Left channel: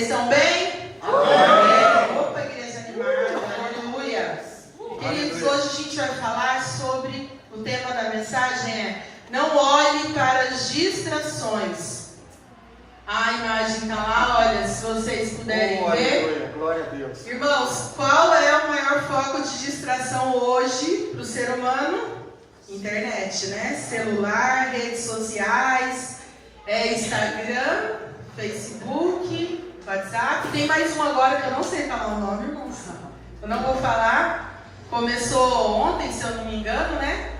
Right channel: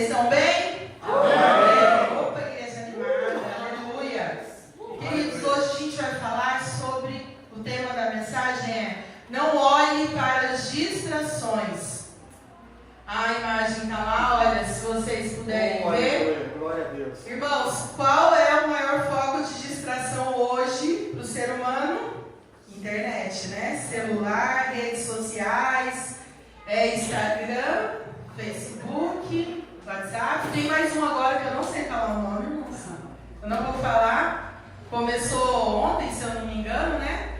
Vocês estão bem? Amém. Opa, igreja animada, aleluia. Queridos, hoje a gente vai falar sobre, o tema da mensagem é: não olhe para as distrações. A imagem está lá, olha, se vocês puderem ver. Glória a Deus. Irmãos, qual é o maior foco de distração hoje para o ser humano? Internet, né? Celular, redes sociais, Instagram, Facebook, WhatsApp. Tem mais um agora que eu não sei falar o nome, irmãos. Eu não vou falar. Começou ontem, se eu não me engano, né?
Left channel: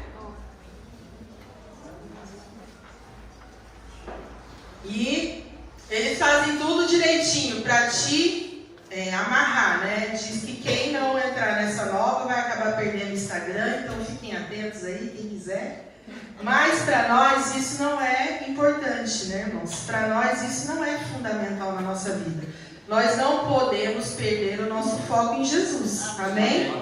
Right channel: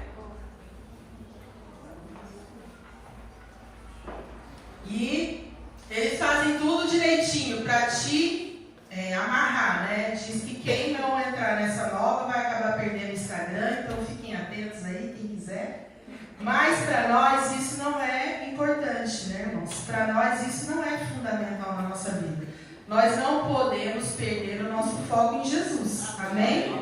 E eles fazem tudo direitinho para te amarrar, né? Diz que quem não entrar nessa nova vai acabar perdendo o Instagram, então fiquem atentos aí, quem quiser. Mas para nós isso não é importante, né, irmãos? Para nós isso não é fundamental na nossa vida. Nós não podemos perder o nosso foco em Jesus, amém?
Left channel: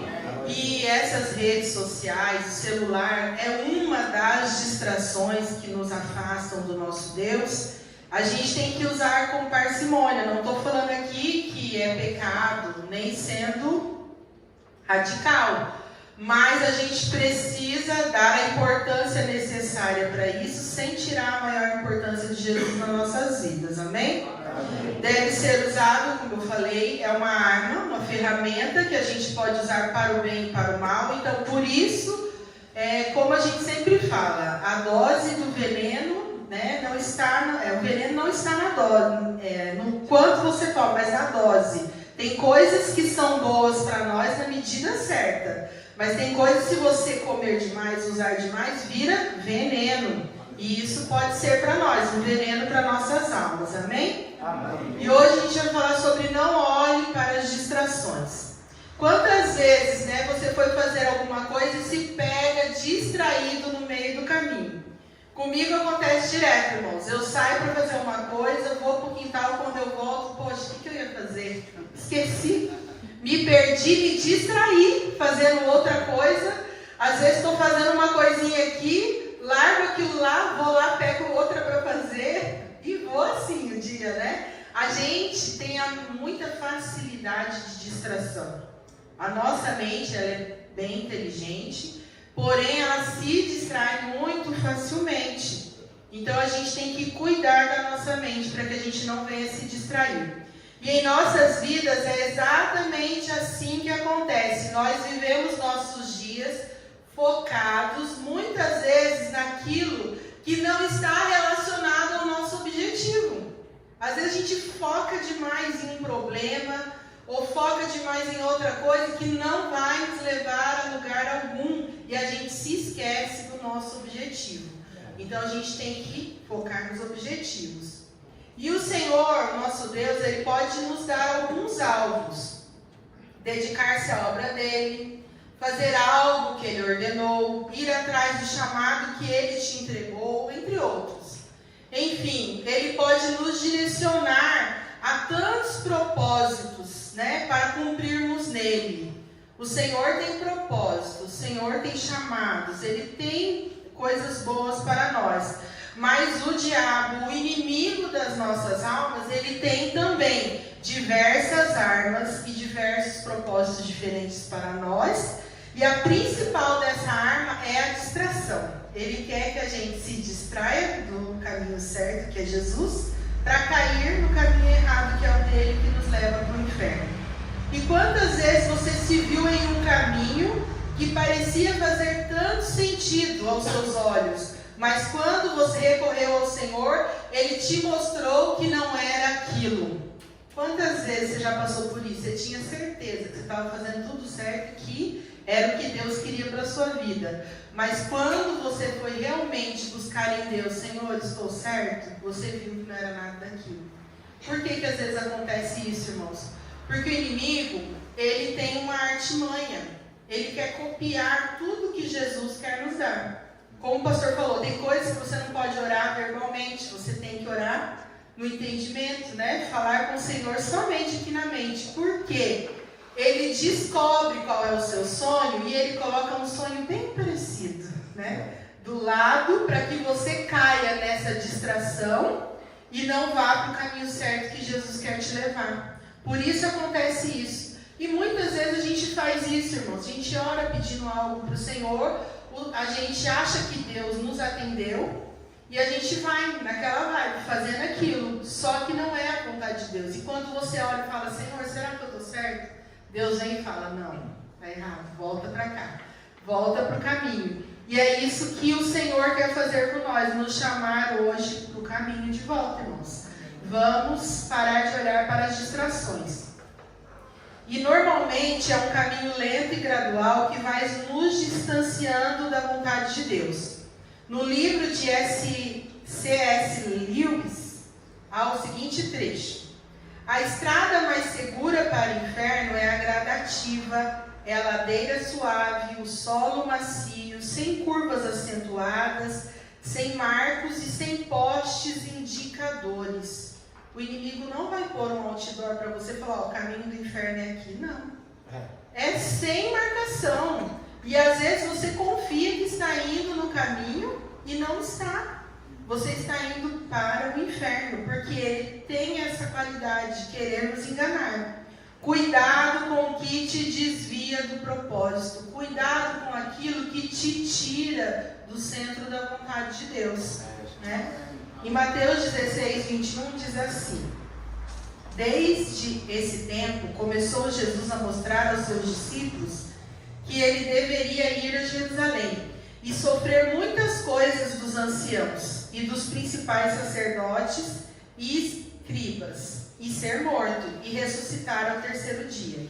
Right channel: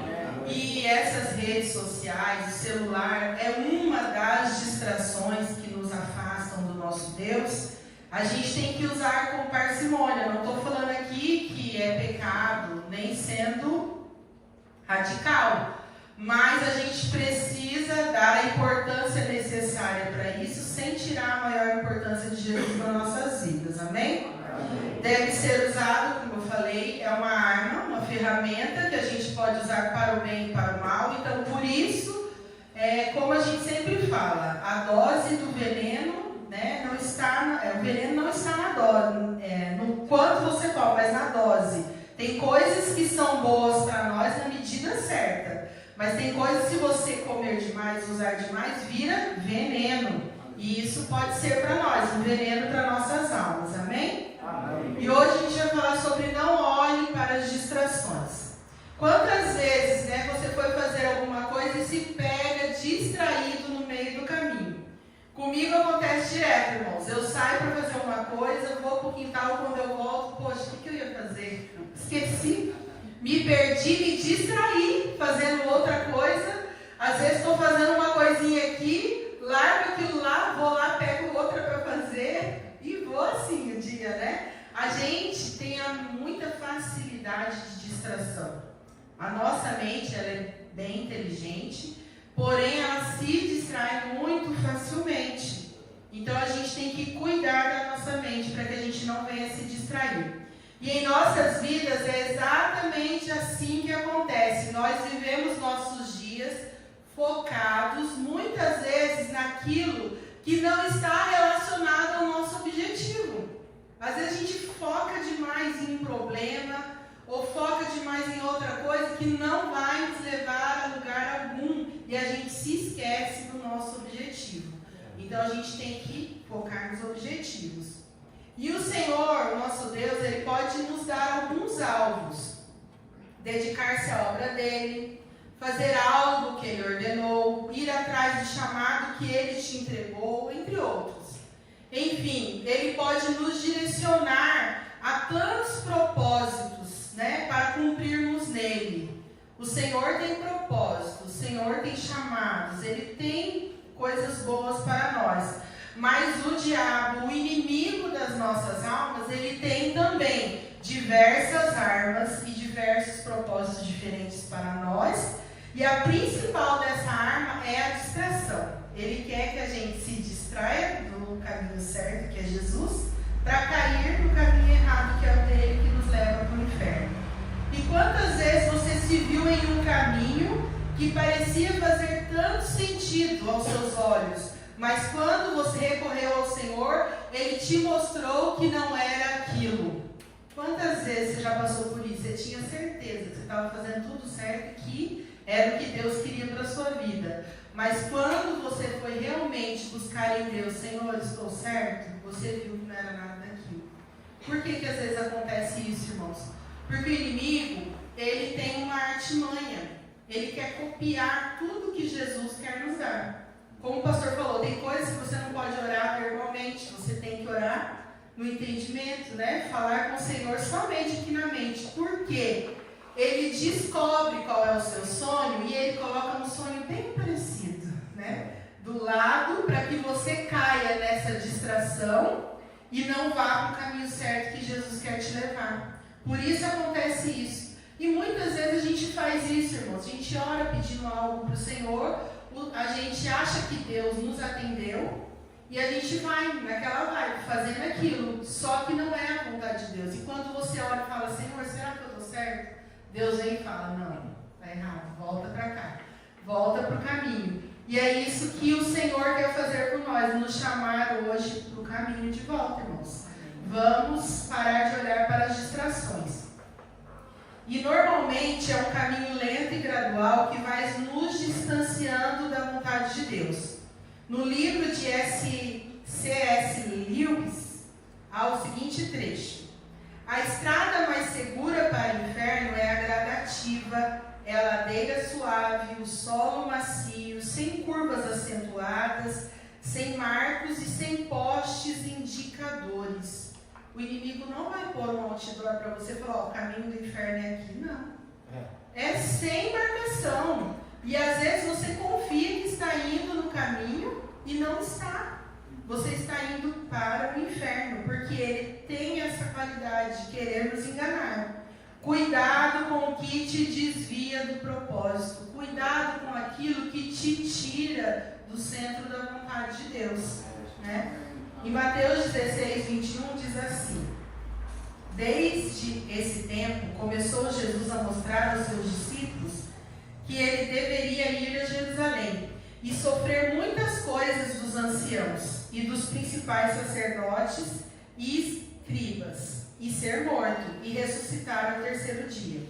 E essas redes sociais, o celular, é uma das distrações que nos afastam do nosso Deus. A gente tem que usar com parcimônia. Não estou falando aqui que é pecado, nem sendo radical. Mas a gente precisa dar a importância necessária para isso, sem tirar a maior importância de Jesus nas nossas vidas, amém? Amém. Deve ser usado, como eu falei, é uma arma, uma ferramenta que a gente pode usar para o bem e para o mal. Então, por isso, como a gente sempre fala, a dose do veneno, né, não está, o veneno não está na dose, no quanto você toma, mas na dose. Tem coisas que são boas para nós na medida certa, mas tem coisas, se você comer demais, usar demais, vira veneno. E isso pode ser para nós, um veneno para nossas almas, amém? Amém? E hoje a gente vai falar sobre não olhe para as distrações. Quantas vezes, né, você foi fazer alguma coisa e se pega distraído no meio do caminho? Comigo acontece direto, irmãos. Eu saio para fazer uma coisa, vou para o quintal, quando eu volto, poxa, o que eu ia fazer? Esqueci. Me perdi, me distraí fazendo outra coisa. Às vezes estou fazendo uma coisinha aqui, largo aquilo lá, vou lá, pego outra para fazer e vou assim o dia, né? A gente tem muita facilidade de distração. A nossa mente ela é bem inteligente, porém ela se distrai muito facilmente. Então a gente tem que cuidar da nossa mente para que a gente não venha se distrair. E em nossas vidas é exatamente assim que acontece. Nós vivemos nossos dias focados muitas vezes naquilo que não está relacionado ao nosso objetivo. Às vezes a gente foca demais em um problema ou foca demais em outra coisa que não vai nos levar a lugar algum e a gente se esquece do nosso objetivo. Então a gente tem que focar nos objetivos. E o Senhor, nosso Deus, Ele pode nos dar alguns alvos. Dedicar-se à obra dEle, fazer algo que Ele ordenou, ir atrás do chamado que Ele te entregou, entre outros. Enfim, Ele pode nos direcionar a tantos propósitos, né, para cumprirmos nele. O Senhor tem propósitos, o Senhor tem chamados, Ele tem coisas boas para nós. Mas o diabo, o inimigo das nossas almas, ele tem também diversas armas e diversos propósitos diferentes para nós. E a principal dessa arma é a distração. Ele quer que a gente se distraia do caminho certo, que é Jesus, para cair no caminho errado, que é o dele, que nos leva para o inferno. E quantas vezes você se viu em um caminho que parecia fazer tanto sentido aos seus olhos, mas quando você recorreu ao Senhor, Ele te mostrou que não era aquilo. Quantas vezes você já passou por isso? Você tinha certeza que você estava fazendo tudo certo, que era o que Deus queria para a sua vida. Mas quando você foi realmente buscar em Deus, Senhor, estou certo? Você viu que não era nada daquilo. Por que às vezes acontece isso, irmãos? Porque o inimigo, ele tem uma artimanha. Ele quer copiar tudo que Jesus quer nos dar. Como o pastor falou, tem coisas que você não pode orar verbalmente, você tem que orar no entendimento, né? Falar com o Senhor somente aqui na mente. Por quê? Ele descobre qual é o seu sonho e ele coloca um sonho bem parecido, né? Do lado, para que você caia nessa distração e não vá para o caminho certo que Jesus quer te levar. Por isso acontece isso. E muitas vezes a gente faz isso, irmãos. A gente ora pedindo algo para o Senhor, a gente acha que Deus nos atendeu e a gente vai naquela vibe, fazendo aquilo. Só que não é a vontade de Deus. E quando você ora e fala, Senhor, será que eu estou certo? Deus vem e fala, não, está errado, volta para cá. Volta para o caminho. E é isso que o Senhor quer fazer por nós, nos chamar hoje para o caminho de volta, irmãos. Vamos parar de olhar para as distrações. E normalmente é um caminho lento e gradual que vai nos distanciando da vontade de Deus. No livro de C.S. Lewis, há o seguinte trecho. A estrada mais segura para o inferno é a gradativa, é a ladeira suave, o solo macio, sem curvas acentuadas, sem marcos e sem postes indicadores. O inimigo não vai pôr um outdoor para você falar, o caminho do inferno é aqui. Não. É sem marcação. E às vezes você confia que está indo no caminho e não está. Você está indo para o inferno, porque ele tem essa qualidade de querer nos enganar. Cuidado com o que te desvia do propósito. Cuidado com aquilo que te tira do centro da vontade de Deus. Né? Em Mateus 16, 21 diz assim: desde esse tempo começou Jesus a mostrar aos seus discípulos que ele deveria ir a Jerusalém e sofrer muitas coisas dos anciãos e dos principais sacerdotes e escribas, e ser morto e ressuscitar ao terceiro dia.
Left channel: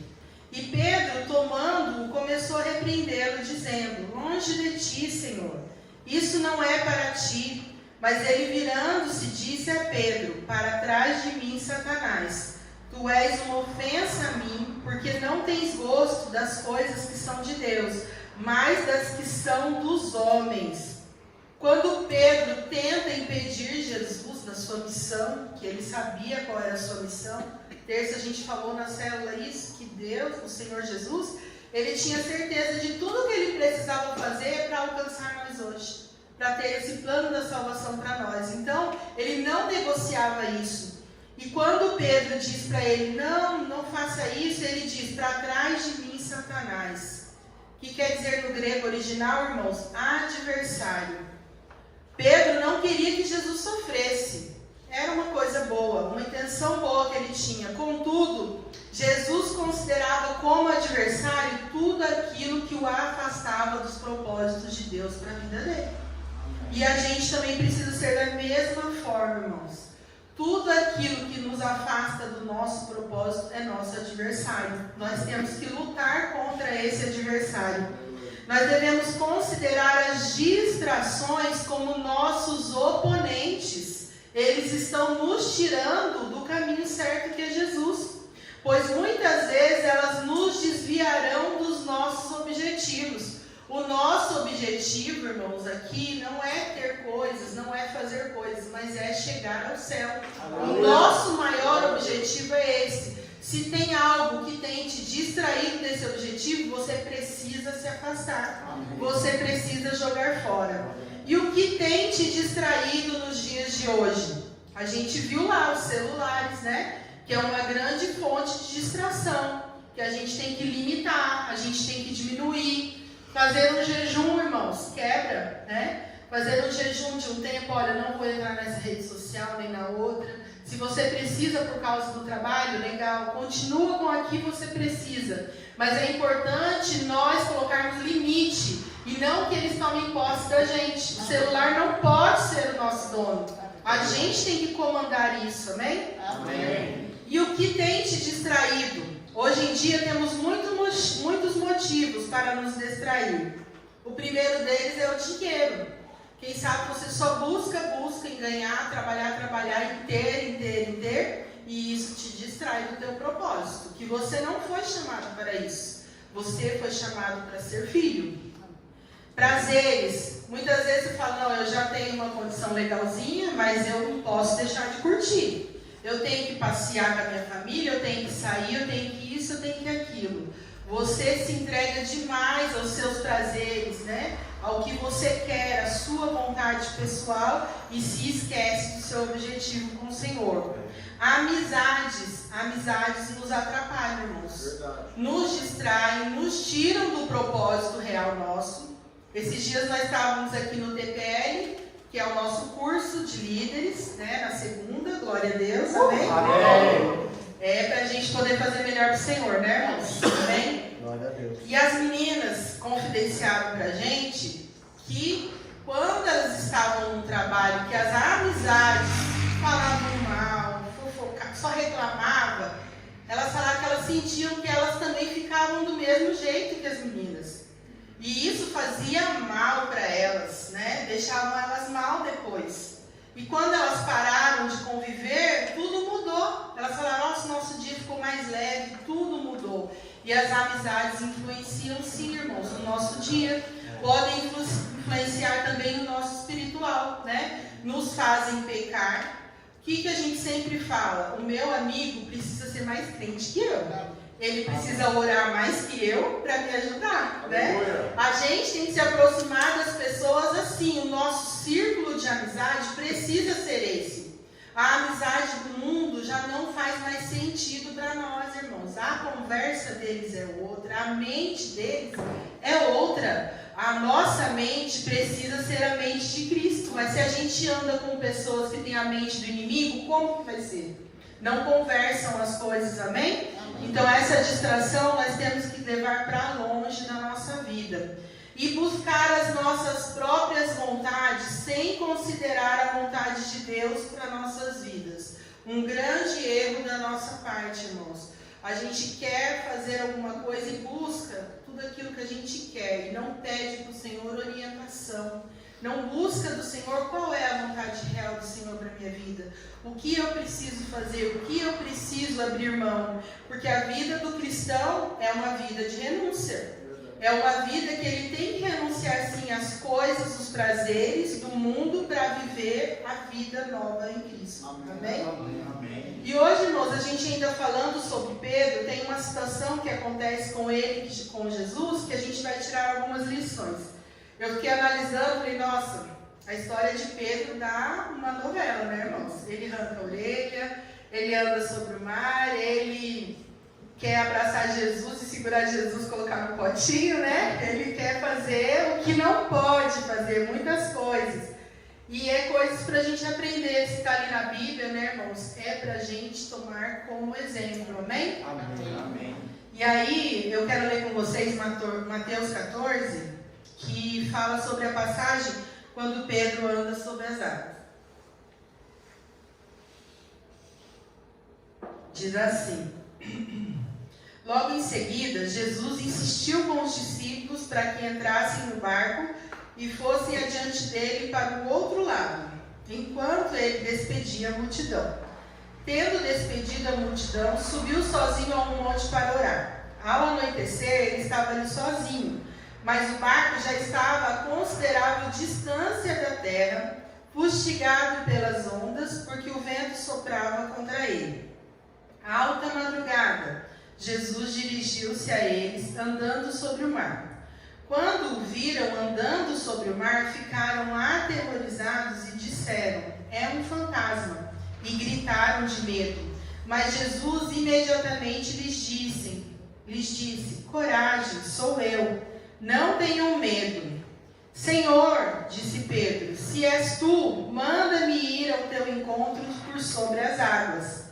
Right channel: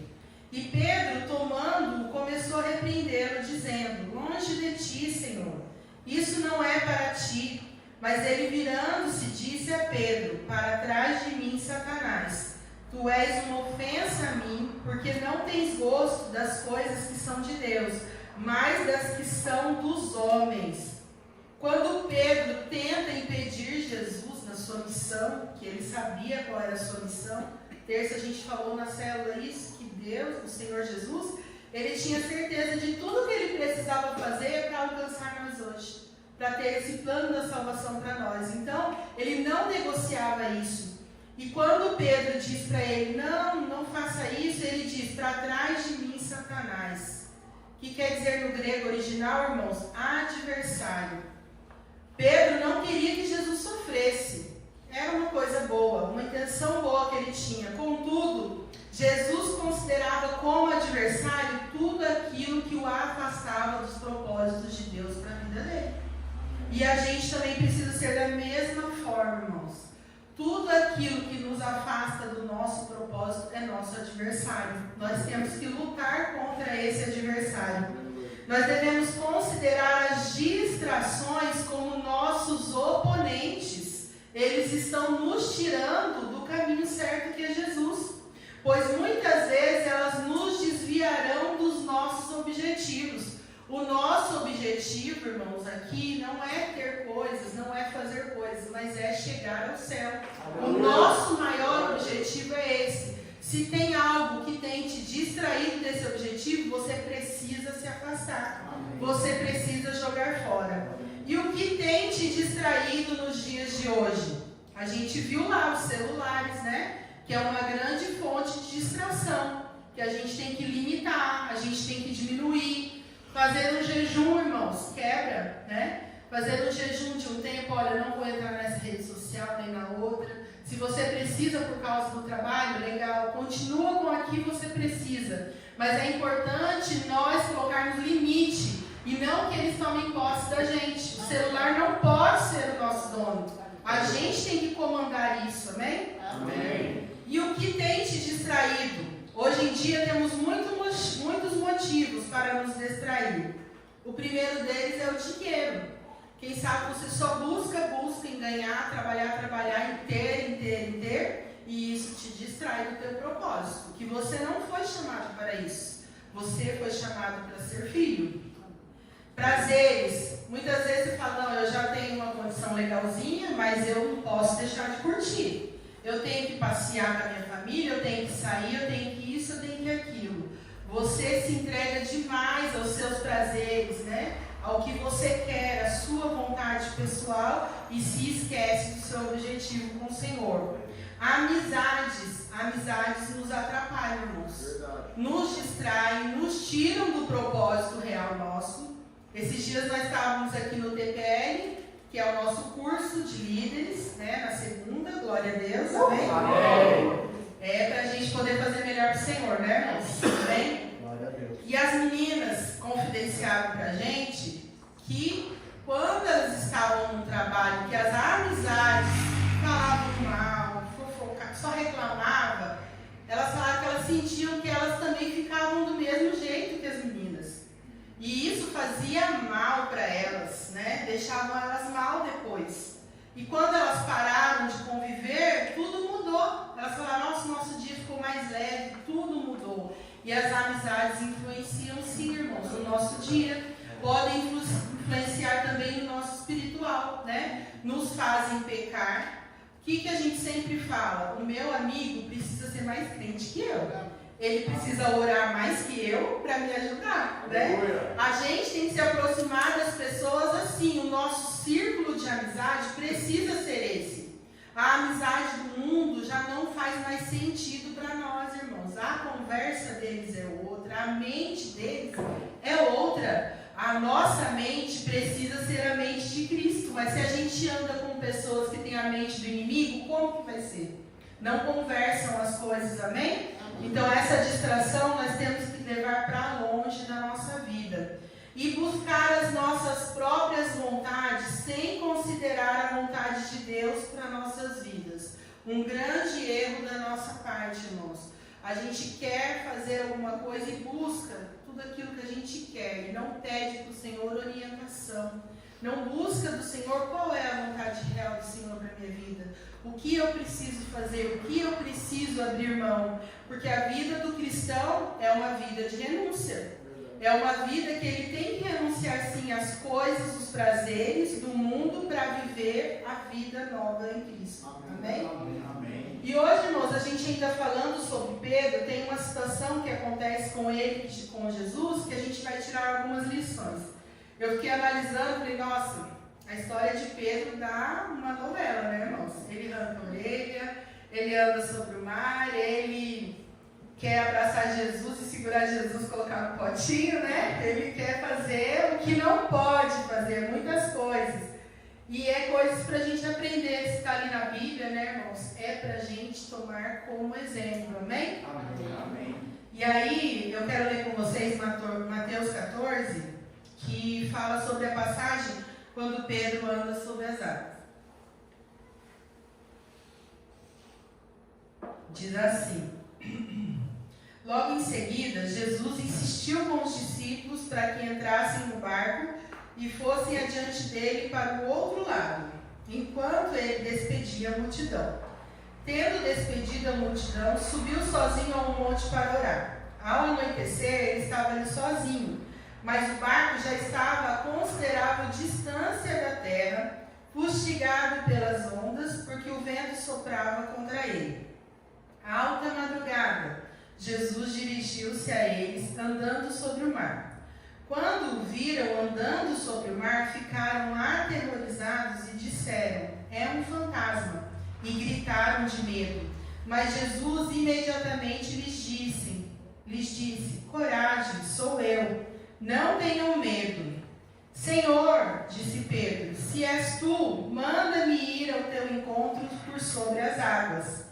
E Pedro, tomando-o, começou a repreendê-lo, dizendo: longe de ti, Senhor, isso não é para ti. Mas ele, virando-se, disse a Pedro: para trás de mim, Satanás, tu és uma ofensa a mim, porque não tens gosto das coisas que são de Deus, mas das que são dos homens. Quando Pedro tenta impedir Jesus da sua missão, que ele sabia qual era a sua missão, terça a gente falou na célula isso, que Deus, o Senhor Jesus, ele tinha certeza de tudo que ele precisava fazer para alcançar nós hoje, para ter esse plano da salvação para nós. Então, ele não negociava isso. E quando Pedro diz para ele, não faça isso, ele diz, para trás de mim, Satanás. Que quer dizer no grego original, irmãos, adversário. Pedro não queria que Jesus sofresse. Era uma coisa boa, uma intenção boa que ele tinha. Contudo, Jesus considerava como adversário tudo aquilo que o afastava dos propósitos de Deus para a vida dele. E a gente também precisa ser da mesma forma, irmãos. Tudo aquilo que nos afasta do nosso propósito é nosso adversário. Nós temos que lutar contra esse adversário. Nós devemos considerar as distrações como nossos oponentes. Eles estão nos tirando do caminho certo que é Jesus. Pois muitas vezes elas nos desviarão dos nossos objetivos. O nosso objetivo, irmãos, aqui não é ter coisas, não é fazer coisas, mas é chegar ao céu. O nosso maior objetivo é esse. Se tem algo que tem te distraído desse objetivo, você precisa se afastar. Você precisa jogar fora. E o que tem te distraído nos dias de hoje? A gente viu lá os celulares, né? Que é uma grande fonte de distração, que a gente tem que limitar, a gente tem que diminuir. Fazer um jejum, irmãos, quebra, né? Fazer um jejum de um tempo, olha, não vou entrar nessa rede social nem na outra. Se você precisa por causa do trabalho, legal, continua com a que você precisa. Mas é importante nós colocarmos limite e não que eles tomem posse da gente. O celular não pode ser o nosso dono. A gente tem que comandar isso, amém? Amém. E o que tem te distraído? Hoje em dia temos muitos motivos para nos distrair. O primeiro deles é o dinheiro. Quem sabe você só busca em ganhar, trabalhar, em ter, e isso te distrai do teu propósito. Que você não foi chamado para isso. Você foi chamado para ser filho. Prazeres. Muitas vezes você fala, não, eu já tenho uma condição legalzinha, mas eu não posso deixar de curtir. Eu tenho que passear com a minha família, eu tenho que sair, eu tenho que isso, eu tenho que aquilo. Você se entrega demais aos seus prazeres, né? ao que você quer, a sua vontade pessoal, e se esquece do seu objetivo com o Senhor. Amizades nos atrapalham, irmãos. Verdade. Nos distraem, nos tiram do propósito real nosso. Esses dias nós estávamos aqui no TPL, que é o nosso curso de líderes, né, na segunda, glória a Deus, amém? Amém. É para a gente poder fazer melhor para o Senhor, né, irmãos? Amém? Glória a Deus. E as meninas confidenciaram para a gente que quando elas estavam no trabalho, que as amizades falavam mal, fofocavam, só reclamavam, elas falaram que elas sentiam que elas também ficavam do mesmo jeito que as meninas. E isso fazia mal para elas, né? Deixavam elas mal depois. E quando elas pararam de conviver, tudo mudou. Elas falaram, nosso dia ficou mais leve, tudo mudou. E as amizades influenciam sim, irmãos, no nosso dia. Podem influenciar também no nosso espiritual, né? Nos fazem pecar. O que a gente sempre fala? O meu amigo precisa ser mais crente que eu. Ele precisa orar mais que eu para me ajudar, né? A gente tem que se aproximar das pessoas assim. O nosso círculo de amizade precisa ser esse. A amizade do mundo já não faz mais sentido para nós, irmãos. A conversa deles é outra, a mente deles é outra. A nossa mente precisa ser a mente de Cristo. Mas se a gente anda com pessoas que têm a mente do inimigo, como que vai ser? Não conversam as coisas, amém? Então essa distração nós temos que levar para longe da nossa vida. E buscar as nossas próprias vontades sem considerar a vontade de Deus para nossas vidas. Um grande erro da nossa parte, irmãos. A gente quer fazer alguma coisa e busca tudo aquilo que a gente quer e não pede para o Senhor orientação. Não busca do Senhor qual é a vontade real do Senhor para a minha vida. O que eu preciso fazer, o que eu preciso abrir mão. Porque a vida do cristão é uma vida de renúncia. É uma vida que ele tem que renunciar sim às coisas, os prazeres do mundo para viver a vida nova em Cristo. Amém? Amém? E hoje, irmãos, a gente ainda falando sobre Pedro, tem uma situação que acontece com ele, com Jesus, que a gente vai tirar algumas lições. Eu fiquei analisando, falei, nossa, a história de Pedro dá uma novela, né, irmãos? Ele arranca a orelha, ele anda sobre o mar, ele quer abraçar Jesus e segurar Jesus, colocar no potinho, né? Ele quer fazer o que não pode fazer, muitas coisas. E é coisas para a gente aprender, se está ali na Bíblia, né, irmãos? É para a gente tomar como exemplo, amém? Amém? E aí, eu quero ler com vocês Mateus 14, que fala sobre a passagem quando Pedro anda sobre as águas. Diz assim: logo em seguida, Jesus insistiu com os discípulos para que entrassem no barco e fossem adiante dele para o outro lado, enquanto ele despedia a multidão. Tendo despedido a multidão, subiu sozinho a um monte para orar. Ao anoitecer, ele estava ali sozinho, mas o barco já estava a considerável distância da terra, fustigado pelas ondas, porque o vento soprava contra ele. À alta madrugada, Jesus dirigiu-se a eles, andando sobre o mar. Quando o viram andando sobre o mar, ficaram aterrorizados e disseram, é um fantasma, e gritaram de medo. Mas Jesus imediatamente lhes disse, coragem, sou eu, não tenham medo. Senhor, disse Pedro, se és tu, manda-me ir ao teu encontro por sobre as águas.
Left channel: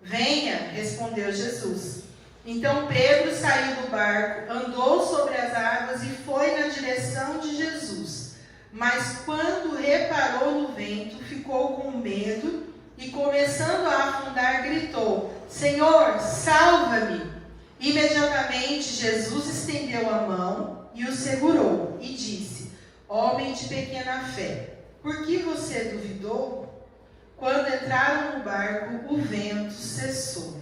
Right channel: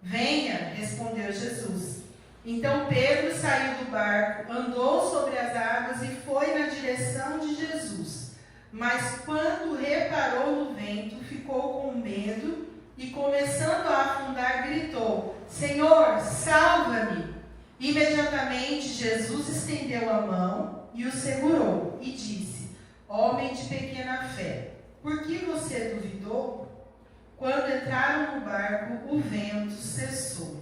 Venha, respondeu Jesus. Então Pedro saiu do barco, andou sobre as águas e foi na direção de Jesus. Mas quando reparou no vento, ficou com medo e, começando a afundar, gritou, Senhor, salva-me! Imediatamente Jesus estendeu a mão e o segurou e disse, homem de pequena fé, por que você duvidou? Quando entraram no barco, o vento cessou.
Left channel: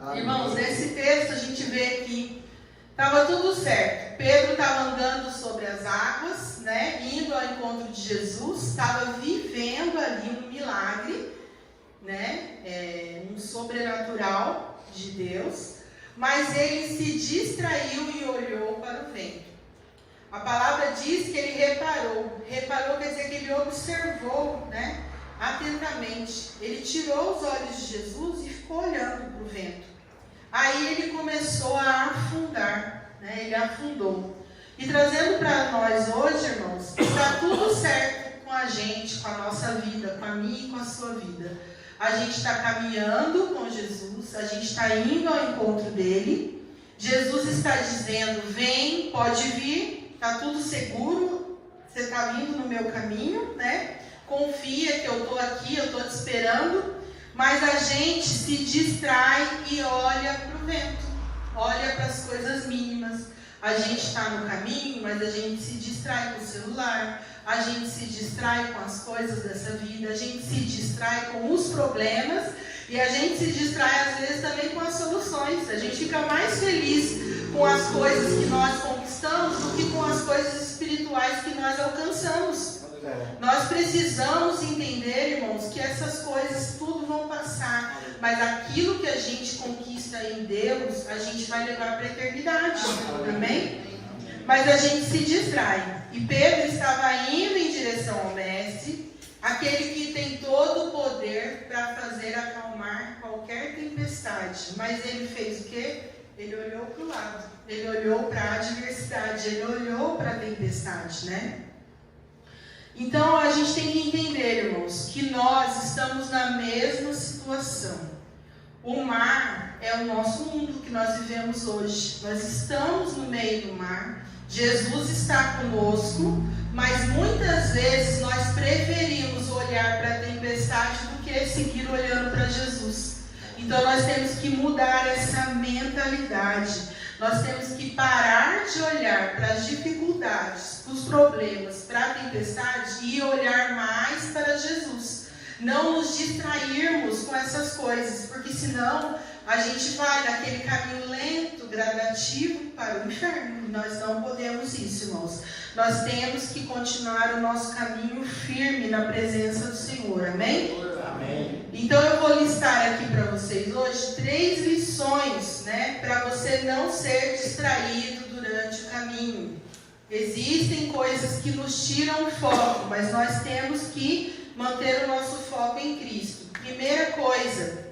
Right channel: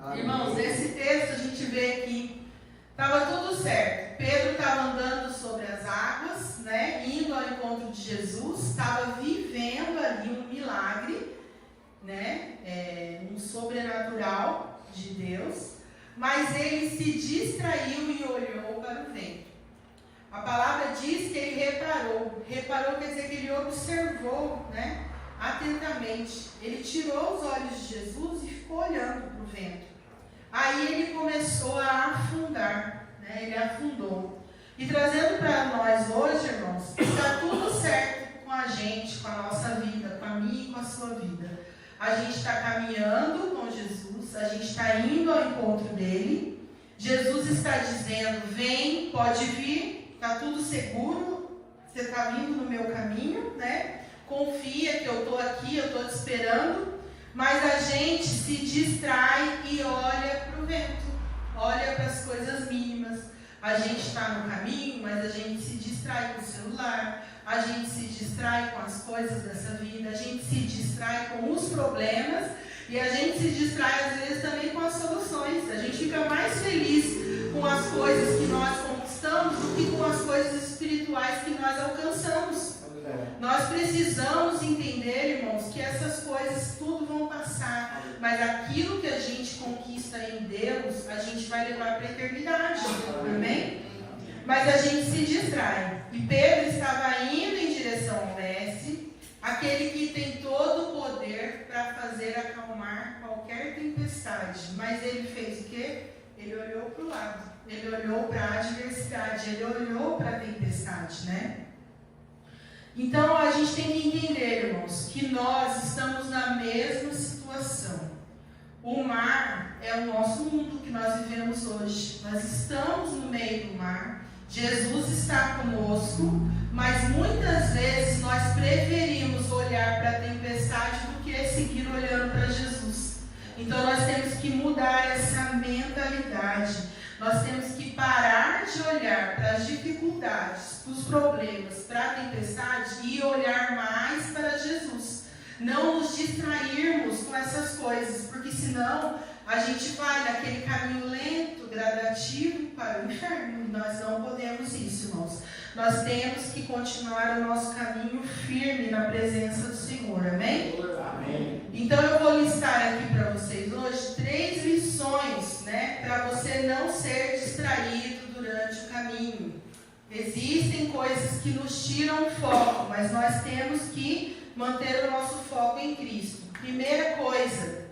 Amém. Irmãos, nesse texto a gente vê que estava tudo certo. Pedro estava andando sobre as águas, né, indo ao encontro de Jesus, estava vivendo ali um milagre, né, um sobrenatural de Deus, mas ele se distraiu e olhou para o vento. A palavra diz que ele reparou. Reparou quer dizer que ele observou, né, atentamente. Ele tirou os olhos de Jesus e ficou olhando para o vento. Aí ele começou a afundar, né, ele afundou. E trazendo para nós hoje, irmãos, está tudo certo com a gente, com a nossa vida, com a minha e com a sua vida. A gente está caminhando com Jesus, a gente está indo ao encontro dele. Jesus está dizendo, vem, pode vir, está tudo seguro, você está vindo no meu caminho, né? Confia que eu estou aqui, eu estou te esperando. Mas a gente se distrai e olha para o vento, olha para as coisas mínimas. A gente está no caminho, mas a gente se distrai com o celular, a gente se distrai com as coisas dessa vida, a gente se distrai com os problemas e a gente se distrai às vezes também com as soluções. A gente fica mais feliz com as coisas que nós conquistamos do que com as coisas espirituais que nós alcançamos. Nós precisamos entender, irmãos, que essas coisas tudo vão passar, mas aquilo que a gente conquista em Deus, a gente vai levar para a eternidade, amém? Mas a gente se distrai. E Pedro estava indo em direção ao mestre, aquele que tem todo o poder para fazer acalmar qualquer tempestade. Mas ele fez o quê? Ele olhou para o lado, ele olhou para a adversidade, ele olhou para a tempestade, né? Então, a gente tem que entender, irmãos, que nós estamos na mesma situação. O mar é o nosso mundo que nós vivemos hoje. Nós estamos no meio do mar. Jesus está conosco, mas muitas vezes nós preferimos olhar para a tempestade do que seguir olhando para Jesus. Então, nós temos que mudar essa mentalidade. Nós temos que parar de olhar para as dificuldades, para os problemas, para a tempestade e olhar mais para Jesus. Não nos distrairmos com essas coisas, porque senão a gente vai naquele caminho lento, gradativo para o inferno. Nós não podemos isso, irmãos. Nós temos que continuar o nosso caminho firme na presença do Senhor, amém? Amém. Então eu vou listar aqui para vocês hoje 3 lições, né, para você não ser distraído durante o caminho. Existem coisas que nos tiram o foco, mas nós temos que manter o nosso foco em Cristo. Primeira coisa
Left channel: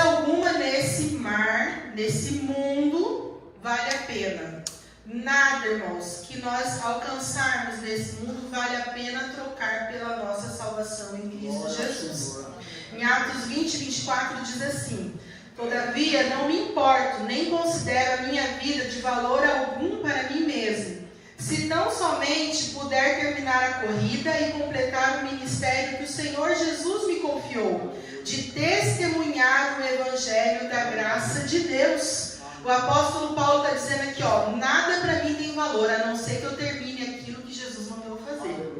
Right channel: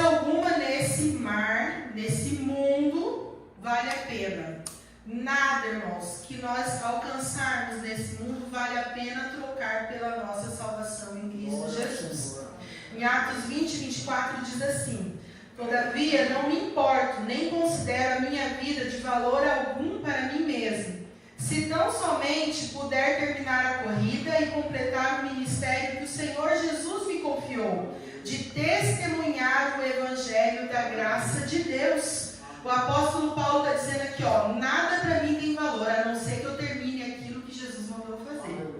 alguma nesse mar, nesse mundo, vale a pena. Nada, irmãos, que nós alcançarmos nesse mundo vale a pena trocar pela nossa salvação em Cristo Jesus. Em Atos 20, 24 diz assim: todavia não me importo, nem considero a minha vida de valor algum para mim mesmo, se tão somente puder terminar a corrida e completar o ministério que o Senhor Jesus me confiou, de testemunhar o evangelho da graça de Deus. O apóstolo Paulo está dizendo aqui, nada para mim tem valor, a não ser que eu termine aquilo que Jesus mandou fazer.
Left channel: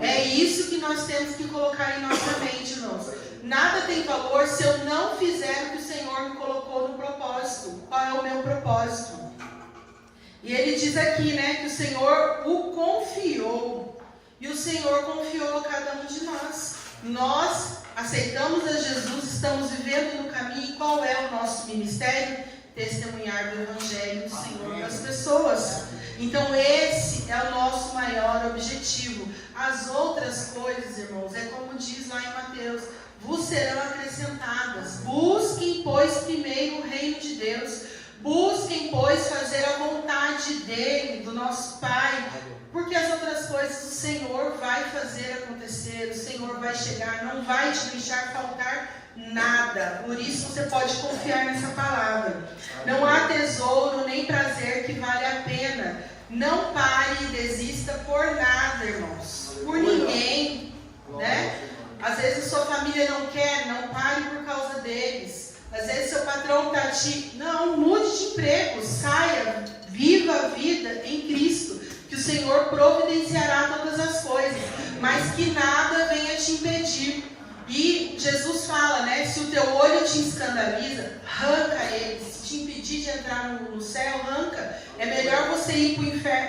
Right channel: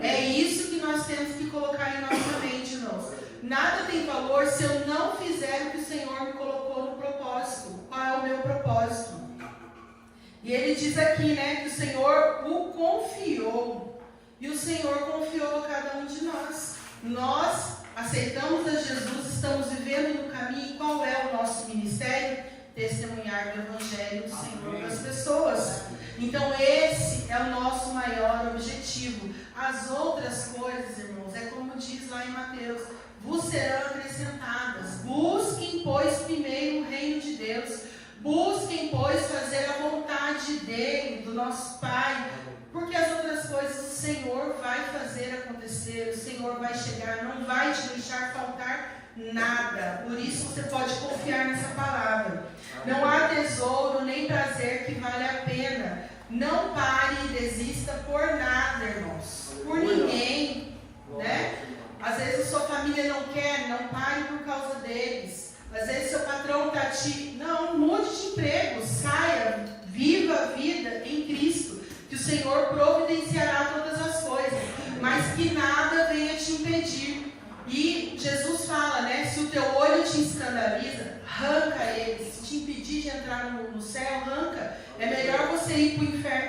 É isso que nós temos que colocar em nossa mente, irmãos. Nada tem valor se eu não fizer o que o Senhor me colocou no propósito. Qual é o meu propósito? E ele diz aqui, né, que o Senhor o confiou. E o Senhor confiou a cada um de nós. Nós aceitamos a Jesus, estamos vivendo no caminho. E qual é o nosso ministério? Testemunhar o Evangelho do Senhor das pessoas. Então esse é o nosso maior objetivo. As outras coisas, irmãos, é como diz lá em Mateus, vos serão acrescentadas. Busquem, pois, primeiro o reino de Deus. Busquem, pois, fazer a vontade dele, do nosso Pai. Porque as outras coisas o Senhor vai fazer acontecer, o Senhor vai chegar, não vai te deixar faltar nada. Por isso você pode confiar nessa palavra. Não há tesouro nem prazer que vale a pena. Não pare e desista por nada, irmãos. Por ninguém, né? Às vezes a sua família não quer, não pare por causa deles. Às vezes seu patrão está não, mude de emprego, saia, viva a vida em Cristo, que o Senhor providenciará todas as coisas, mas que nada venha te impedir. E Jesus fala, né, se o teu olho te escandaliza, arranca ele. Se te impedir de entrar no céu, arranca. É melhor você ir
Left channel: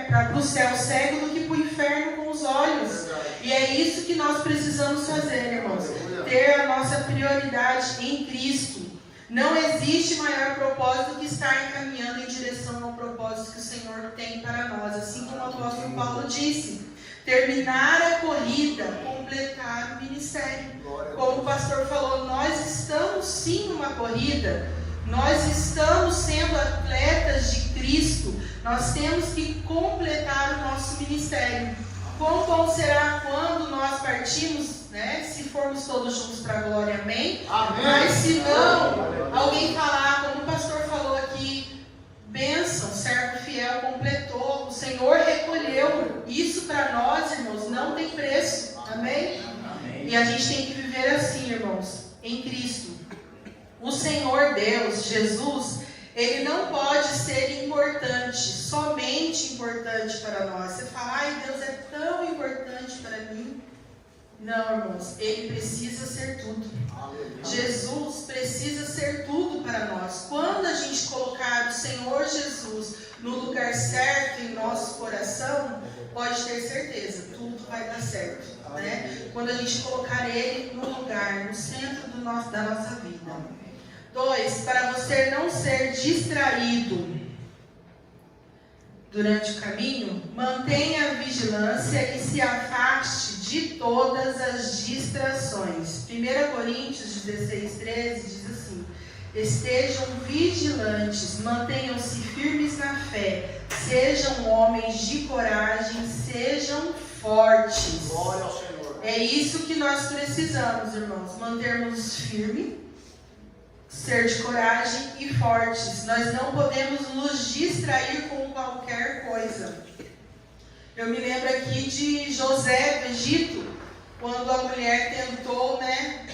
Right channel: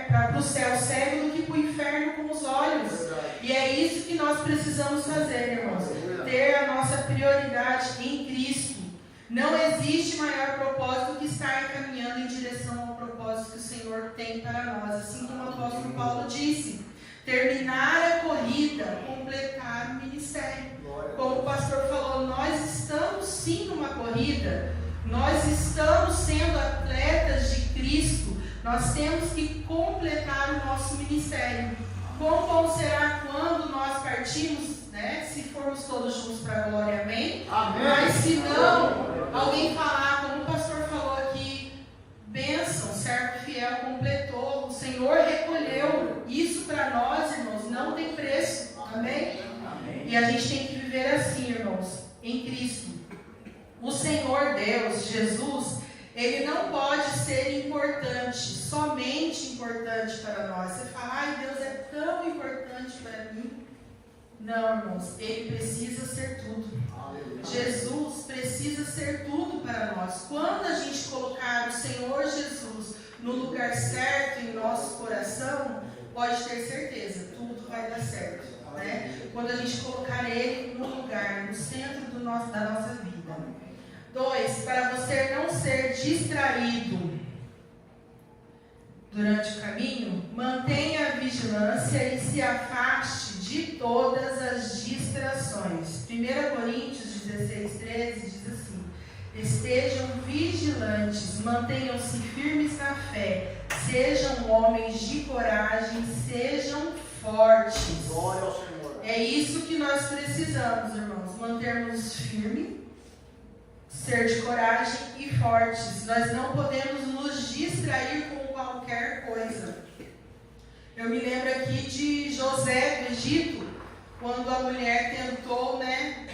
para o céu cego do que para o inferno com os olhos. E é isso que nós precisamos fazer, irmãos. Ter a nossa prioridade em Cristo. Não existe maior propósito que estar encaminhando em direção ao propósito que o Senhor tem para nós. Assim como o apóstolo Paulo disse, terminar a corrida, completar o ministério. Como o pastor falou, nós estamos sim numa corrida, nós estamos sendo atletas de Cristo, nós temos que completar o nosso ministério. Quão bom será quando nós partimos, né? Se formos todos juntos para a glória, amém? Amém. Mas se não, alguém falar, como o pastor falou aqui, bênção, servo fiel completou, o Senhor recolheu. Isso para nós, irmãos, não tem preço, amém? Amém? E a gente tem que viver assim, irmãos, em Cristo. O Senhor Deus, Jesus, Ele não pode ser importante, somente importante para nós. Você fala, ai, Deus é tão importante para mim. Não, irmãos, Ele precisa ser tudo. Aleluia. Jesus precisa ser tudo para nós. Quando a gente colocar o Senhor Jesus no lugar certo em nosso coração, pode ter certeza, tudo vai dar certo, né? Quando a gente colocar Ele no lugar, no centro da nossa vida. 2, para você não ser distraído durante o caminho, mantenha a vigilância e se afaste de todas as distrações. 1 Coríntios 16:13 diz assim: estejam vigilantes, mantenham-se firmes na fé, sejam homens de coragem, sejam fortes. Glória ao Senhor. É isso que nós precisamos, irmãos, mantermos firmes, ser de coragem e fortes. Nós não podemos nos distrair com qualquer coisa. Eu me lembro aqui de José do Egito, quando a mulher tentou, né,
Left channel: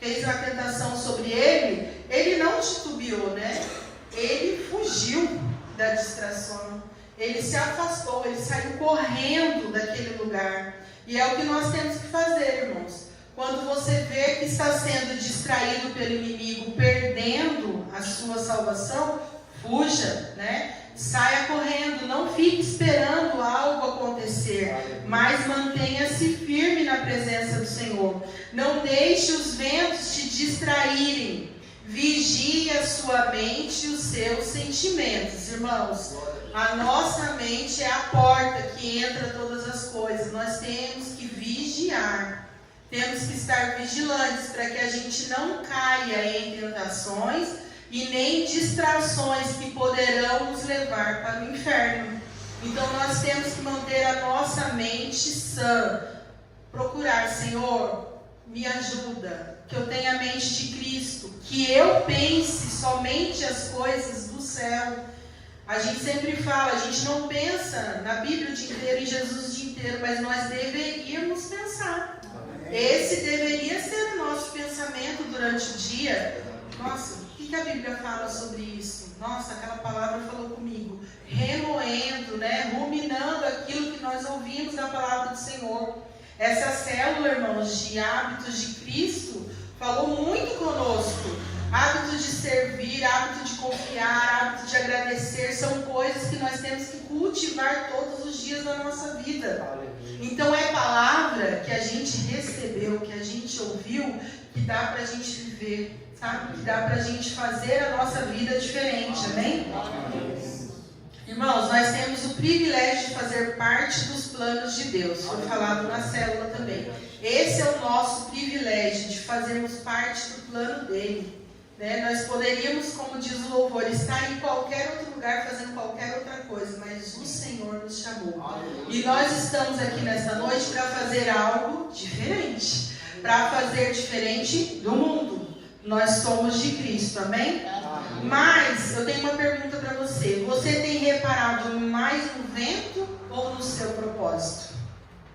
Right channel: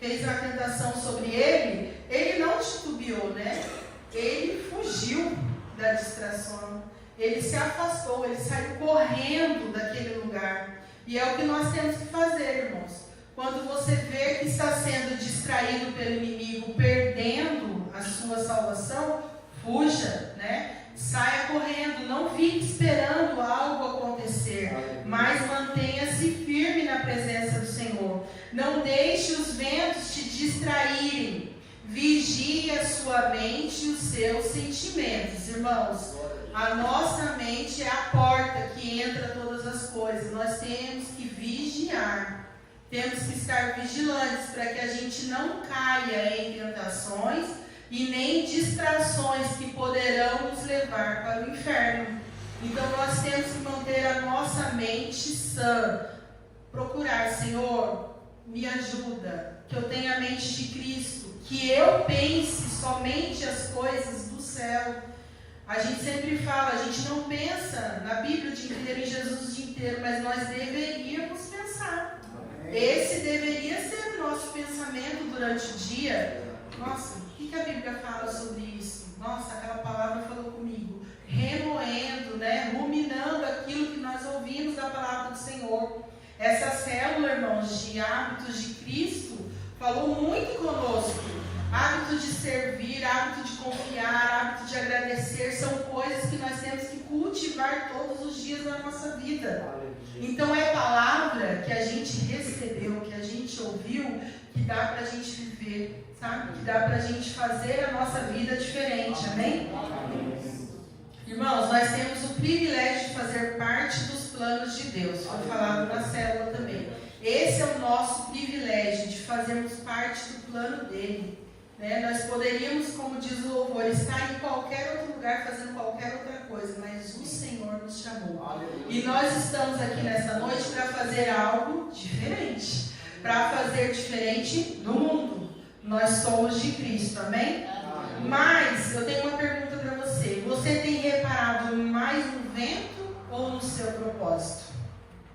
fez uma tentação sobre ele, ele não titubeou, né? Ele fugiu da distração, ele se afastou, ele saiu correndo daquele lugar. E é o que nós temos que fazer, irmãos. Quando você vê que está sendo distraído pelo inimigo, perdendo a sua salvação, fuja, né? Saia correndo, não fique esperando algo acontecer, mas mantenha-se firme na presença do Senhor. Não deixe os ventos te distraírem. Vigie a sua mente e os seus sentimentos, irmãos. A nossa mente é a porta que entra todas as coisas. Nós temos que vigiar. Temos que estar vigilantes para que a gente não caia em tentações e nem distrações que poderão nos levar para o inferno. Então nós temos que manter a nossa mente sã. Procurar, Senhor, me ajuda, que eu tenha a mente de Cristo, que eu pense somente as coisas do céu. A gente sempre fala, a gente não pensa na Bíblia o dia inteiro, em Jesus o dia inteiro, mas nós deveríamos pensar. Esse deveria ser o nosso pensamento durante o dia. Nossa, o que a Bíblia fala sobre isso? Nossa, aquela palavra falou comigo. Remoendo, né? Ruminando aquilo que nós ouvimos da palavra do Senhor. Essa célula, irmãos, de hábitos de Cristo, falou muito conosco. Hábito de servir, hábito de confiar, hábito de agradecer, são coisas que nós temos que cultivar todos os dias da nossa vida. Então é palavra que a gente recebeu, que a gente ouviu, que dá para a gente viver, sabe? Que dá para a gente fazer a nossa vida diferente, amém? Irmãos, nós temos o privilégio de fazer parte dos planos de Deus. Foi falado na célula também. Esse é o nosso privilégio de fazermos parte do plano dele. Né? Nós poderíamos, como diz o louvor, estar em qualquer outro lugar fazendo qualquer outra coisa, mas o Senhor nos chamou. E nós estamos aqui nessa noite para fazer algo diferente. Para fazer diferente do mundo. Nós somos de Cristo, amém? Mas eu tenho uma pergunta para você. Você tem reparado mais no vento ou no seu propósito?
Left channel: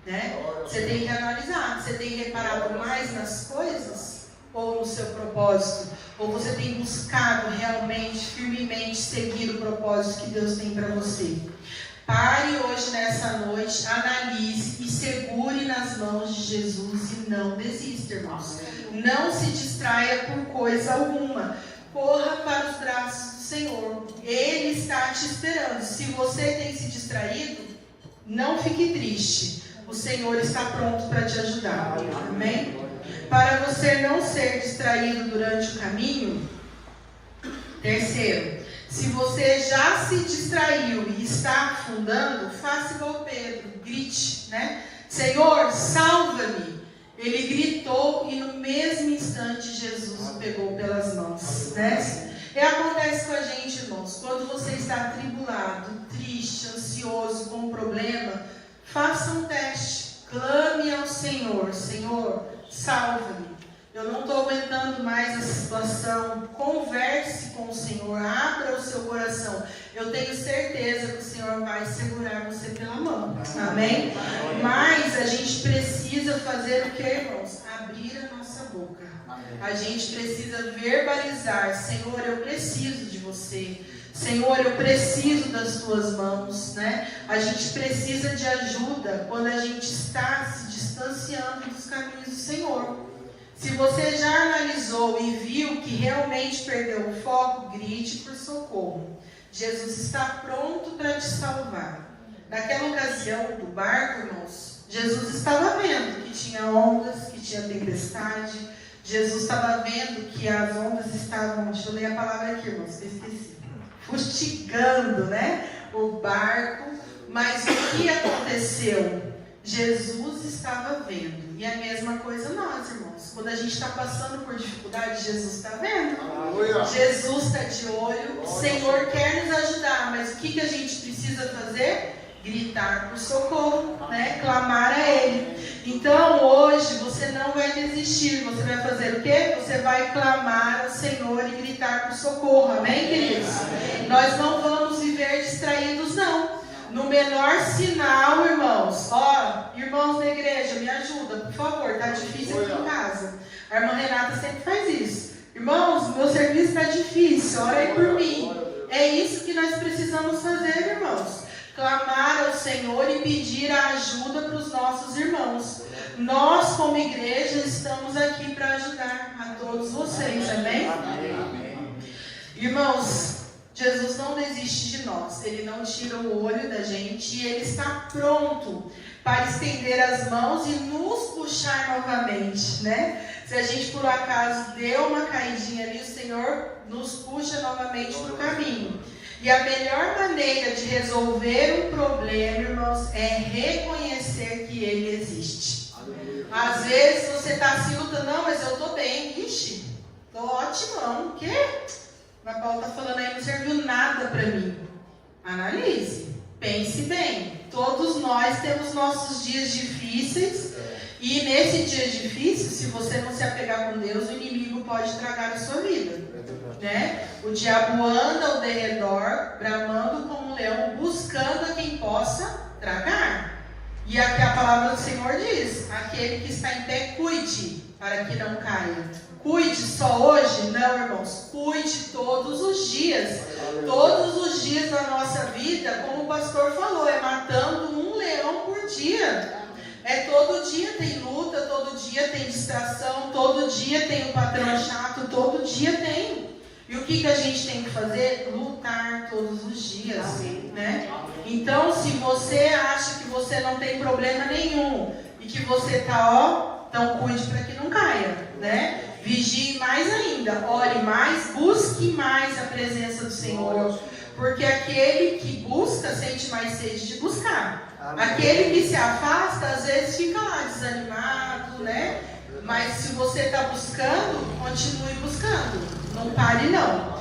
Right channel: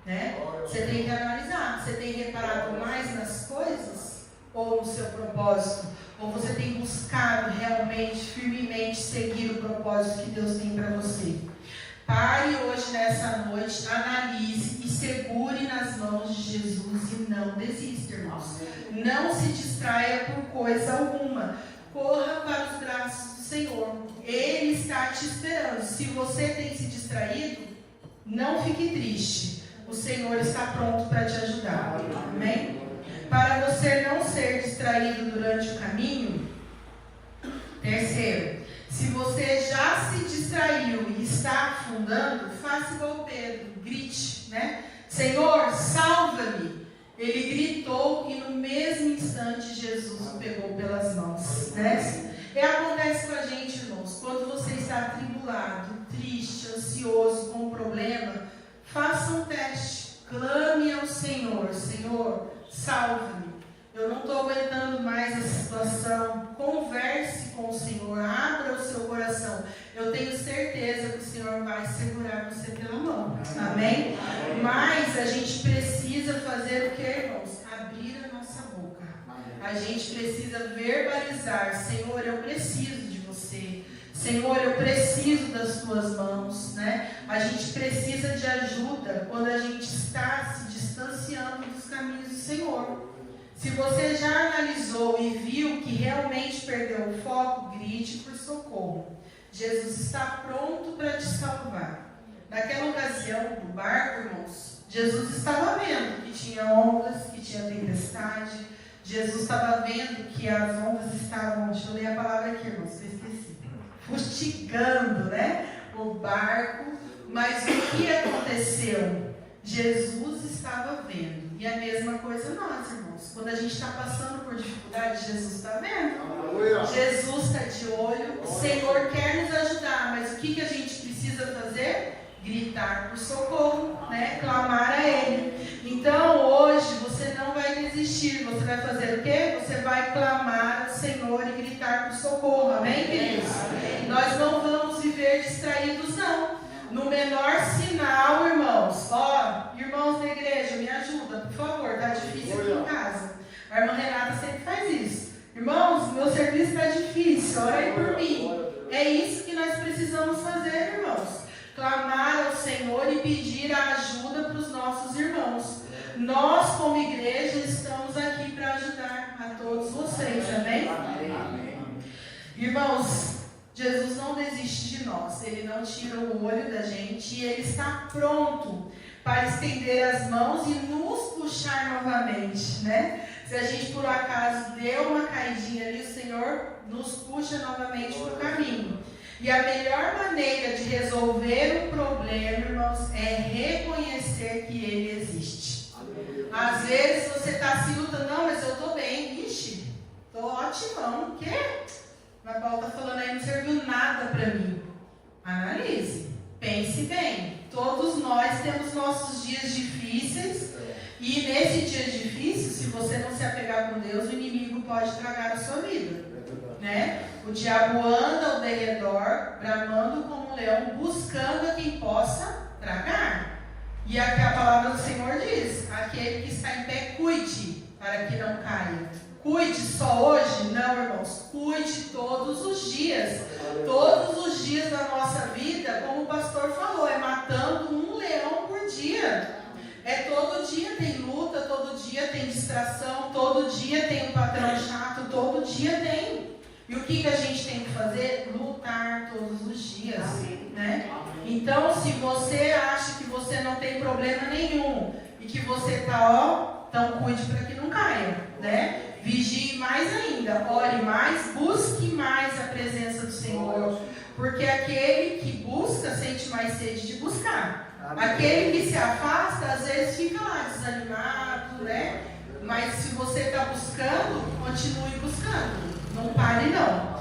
Né? Você tem que analisar. Você tem reparado mais nas coisas ou no seu propósito? Ou você tem buscado realmente, firmemente seguir o propósito que Deus tem para você? Pare hoje, nessa noite, analise e segure nas mãos de Jesus e não desista, irmãos. Não se distraia por coisa alguma. Corra para os braços do Senhor. Ele está te esperando. Se você tem se distraído, não fique triste. O Senhor está pronto para te ajudar. Amém? Para você não ser distraído durante o caminho. Terceiro, se você já se distraiu e está afundando, faça igual Pedro, grite, né? Senhor, salva-me. Ele gritou e no mesmo instante Jesus o pegou pelas mãos, né? E acontece com a gente, irmãos, quando você está atribulado, triste, ansioso, com um problema, faça um teste, clame ao Senhor, Senhor, salva-me. Eu não estou aguentando mais essa situação. Converse com o Senhor, abra o seu coração. Eu tenho certeza que o Senhor vai segurar você pela mão. Amém? Mas a gente precisa fazer o que, irmãos? Abrir a nossa boca. A gente precisa verbalizar: Senhor, eu preciso de você. Senhor, eu preciso das tuas mãos, né? A gente precisa de ajuda quando a gente está se distanciando dos caminhos do Senhor. Se você já analisou e viu que realmente perdeu o foco, grite por socorro. Jesus está pronto para te salvar. Naquela ocasião do barco, irmãos, Jesus estava vendo que tinha ondas, que tinha tempestade. Jesus estava vendo que as ondas estavam, deixa eu ler a palavra aqui, irmãos, que eu esqueci, fustigando, né, o barco. Mas o que aconteceu? Jesus estava vendo. E a mesma coisa nós, irmãos. Quando a gente está passando por dificuldade, Jesus está vendo. Aleluia. Jesus está de olho. O Senhor quer nos ajudar. Mas o que a gente precisa fazer? Gritar por socorro, né? Clamar a Ele. Então hoje você não vai desistir. Você vai fazer o quê? Você vai clamar ao Senhor e gritar por socorro. Amém, queridos? Amém. Nós não vamos viver distraídos, não. No menor sinal, irmãos, irmãos da igreja, me ajuda, por favor, está difícil aqui em casa. A irmã Renata sempre faz isso. Irmãos, meu serviço está difícil, ora aí por mim. É isso que nós precisamos fazer, irmãos. Clamar ao Senhor e pedir a ajuda para os nossos irmãos. Nós, como igreja, estamos aqui para ajudar a todos vocês, amém? Irmãos, Jesus não desiste de nós, Ele não tira o olho da gente e Ele está pronto para estender as mãos e nos puxar novamente, né? Se a gente por acaso deu uma caidinha ali, o Senhor nos puxa novamente para o caminho. E a melhor maneira de resolver um problema, irmãos, é reconhecer que ele existe. Às vezes você está assim lutando, não, mas eu estou bem, ixi, estou ótimo, o quê? A Paula está falando aí, não serviu nada para mim. Analise, pense bem. Todos nós temos nossos dias difíceis. E nesse dia difícil, se você não se apegar com Deus, o inimigo pode tragar a sua vida, né? O diabo anda ao derredor, bramando como um leão, buscando a quem possa tragar. E aqui a palavra do Senhor diz: aquele que está em pé, cuide, para que não caia. Cuide só hoje? Não, irmãos. Cuide todos os dias. Todos os dias da nossa vida, como o pastor falou, é matando um leão por dia. É todo dia tem luta, todo dia tem distração, todo dia tem um patrão chato, todo dia tem. E o que a gente tem que fazer? Lutar todos os dias, né? Então, se você acha que você não tem problema nenhum e que você está, então cuide para que não caia, né? Vigie mais ainda, ore mais, busque mais a presença do Senhor, porque aquele que busca sente mais sede de buscar. Aquele que se afasta, às vezes fica lá desanimado, né? Mas se você está buscando, continue buscando. Não pare, não.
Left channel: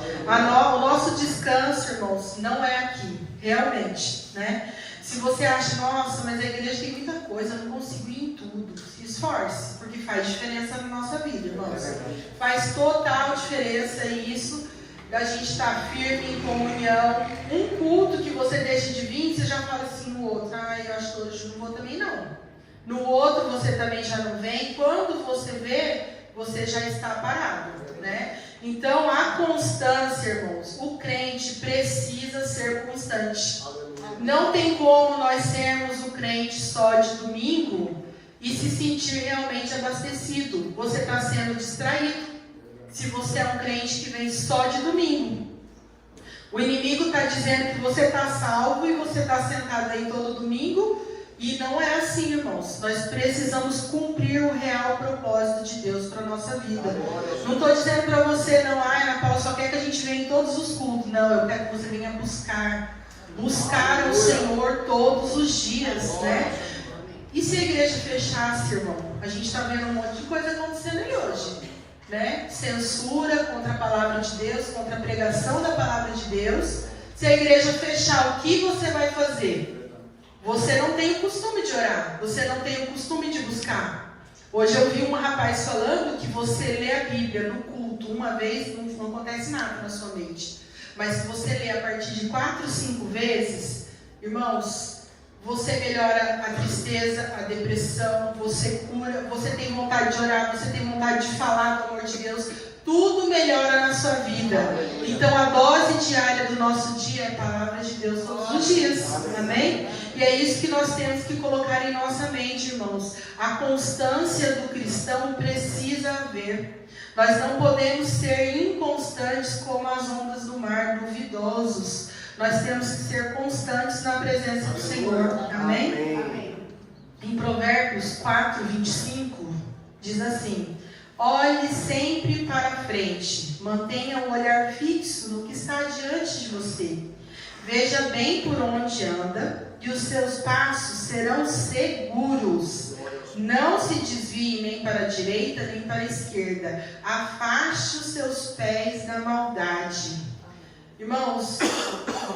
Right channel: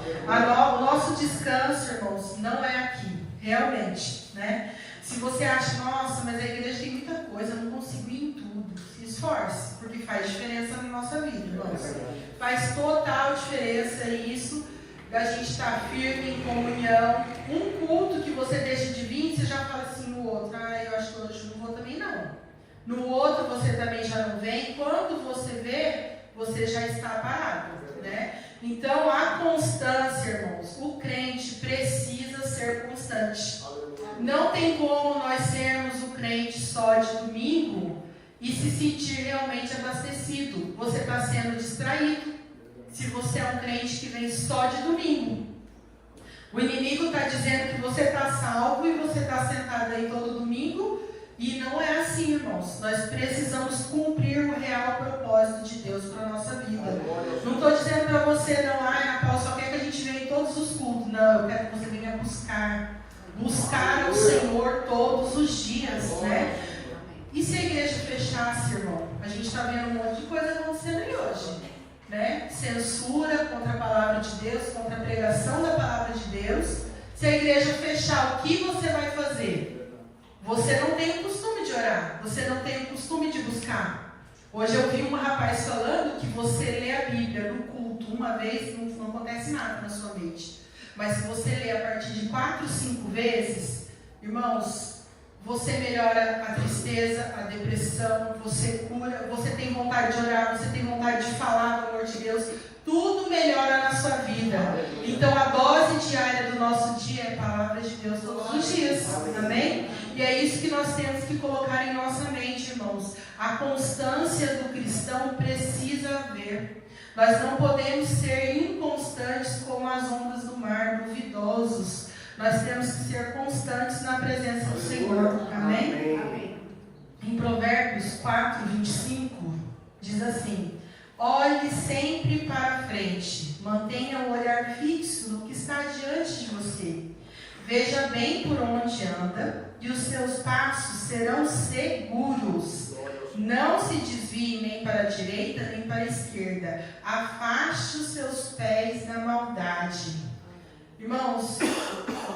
O nosso descanso, irmãos, não é aqui, realmente, né? Se você acha, nossa, mas a igreja tem muita coisa, eu não consigo ir em tudo. Se esforce, porque faz diferença na nossa vida, irmãos. Faz total diferença isso, da gente estar firme em comunhão. Um culto que você deixa de vir, você já fala assim no outro: eu acho que hoje não vou também não. No outro você também já não vem. Quando você vê, você já está parado, né? Então a constância, irmãos, o crente precisa ser constante. Não tem como nós sermos o crente só de domingo e se sentir realmente abastecido. Você está sendo distraído se você é um crente que vem só de domingo. O inimigo está dizendo que você está salvo e você está sentado aí todo domingo E não é assim, irmãos. Nós precisamos cumprir o real propósito de Deus para a nossa vida. Não estou dizendo para você, não, Ana Paula só quer que a gente venha em todos os cultos. Não, eu quero que você venha buscar ao Senhor todos os dias, né? E se a igreja fechasse, irmão? A gente está vendo um monte de coisa acontecendo aí hoje, né? Censura contra a palavra de Deus, contra a pregação da palavra de Deus. Se a igreja fechar, o que você vai fazer? Você não tem o costume de orar, você não tem o costume de buscar. Hoje eu vi um rapaz falando que você lê a Bíblia no culto uma vez, não acontece nada na sua mente. Mas se você lê a partir de 4, 5 vezes, irmãos, você melhora a tristeza, a depressão, você cura, você tem vontade de orar, você tem vontade de falar do amor de Deus, tudo melhora na sua vida. Então a dose diária do nosso dia é a palavra de Deus todos os dias, amém? E é isso que nós temos que colocar em nossa mente, irmãos. A constância do cristão precisa haver. Nós não podemos ser inconstantes como as ondas do mar, duvidosos. Nós temos que ser constantes na presença do Senhor. Amém? Amém. Em Provérbios 4, 25, diz assim: olhe sempre para frente, mantenha um olhar fixo no que está diante de você. Veja bem por onde anda, e os seus passos serão seguros. Não se desvie nem para a direita, nem para a esquerda. Afaste os seus pés da maldade. Irmãos,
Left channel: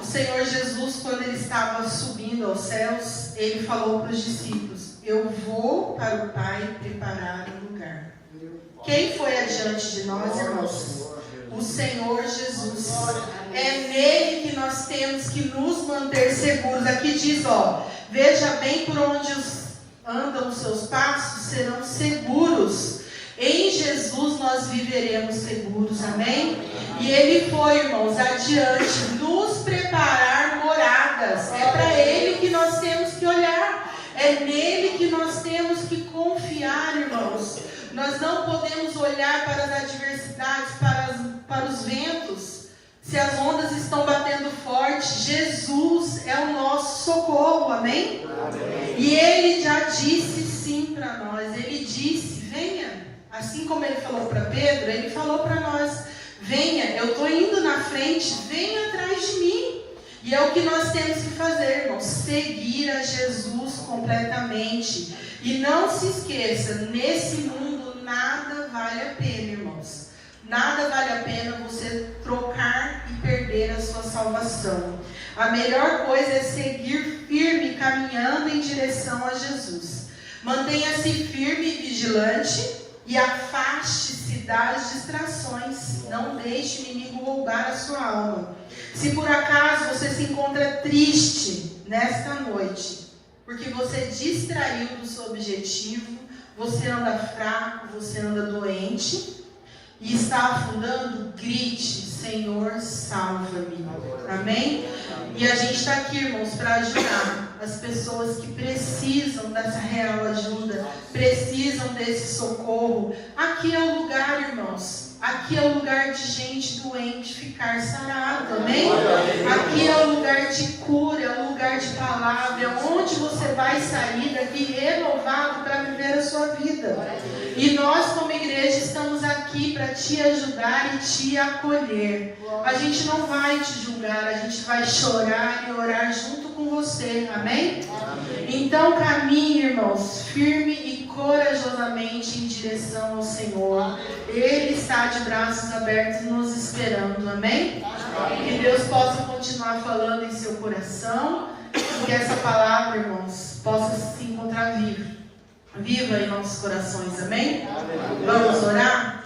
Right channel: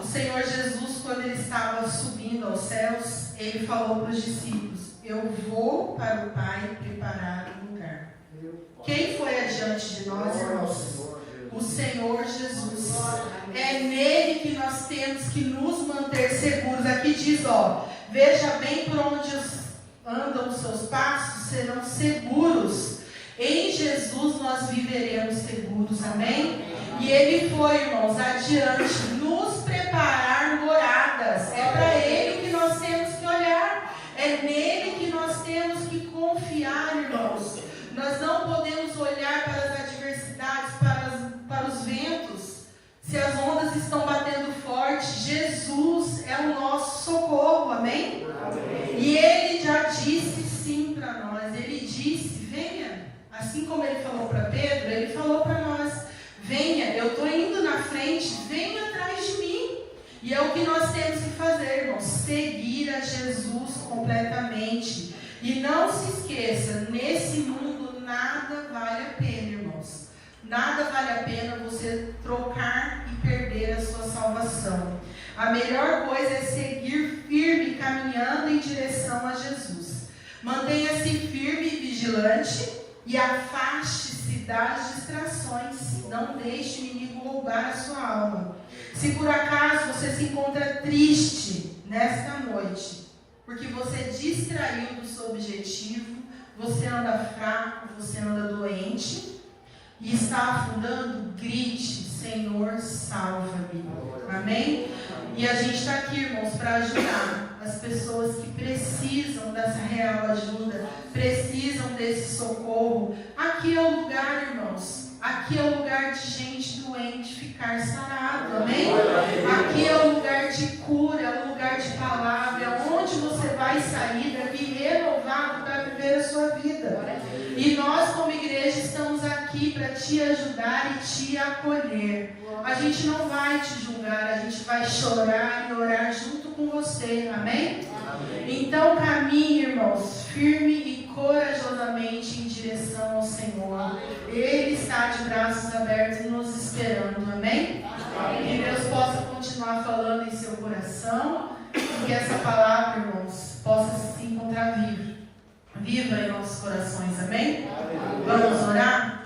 o Senhor Jesus, quando ele estava subindo aos céus, ele falou para os discípulos: eu vou para o Pai preparar um lugar. Quem foi adiante de nós, irmãos? O Senhor Jesus. É nele que nós temos que nos manter seguros. Aqui diz, veja bem por onde andam os seus passos, serão seguros. Em Jesus nós viveremos seguros, amém? E ele foi, irmãos, adiante, nos preparar moradas. É para ele que nós temos que olhar. É nele que nós temos que confiar, irmãos. Nós não podemos olhar para as adversidades, para os ventos. Se as ondas estão batendo forte, Jesus é o nosso socorro, amém? Amém. E ele já disse sim para nós. Ele disse, venha. Assim como ele falou para Pedro, ele falou para nós: venha, eu estou indo na frente, venha atrás de mim. E é o que nós temos que fazer, irmãos, seguir a Jesus completamente. E não se esqueça, nesse mundo nada vale a pena, irmãos. Nada vale a pena você trocar e perder a sua salvação. A melhor coisa é seguir firme, caminhando em direção a Jesus. Mantenha-se firme e vigilante e afaste-se das distrações. Não deixe o inimigo roubar a sua alma. Se por acaso você se encontra triste nesta noite, porque você distraiu do seu objetivo, você anda fraco, você anda doente e está afundando, grite: Senhor, salva-me. Amém? E a gente está aqui, irmãos, para ajudar as pessoas que precisam dessa real ajuda, precisam desse socorro. Aqui é o lugar, irmãos. Aqui é o lugar de gente doente ficar sarado, amém? Aqui é o lugar de cura, é o lugar de palavra, é onde você vai sair daqui renovado para viver a sua vida. E nós, como igreja, estamos aqui para te ajudar e te acolher. A gente não vai te julgar, a gente vai chorar e orar junto com você, amém? Amém. Então caminhe, irmãos, firme e corajosamente em direção ao Senhor. Ele está de braços abertos nos esperando, amém? Amém. Que Deus possa continuar falando em seu coração e que essa palavra, irmãos, possa se encontrar viva em nossos corações, amém? Amém. Vamos orar?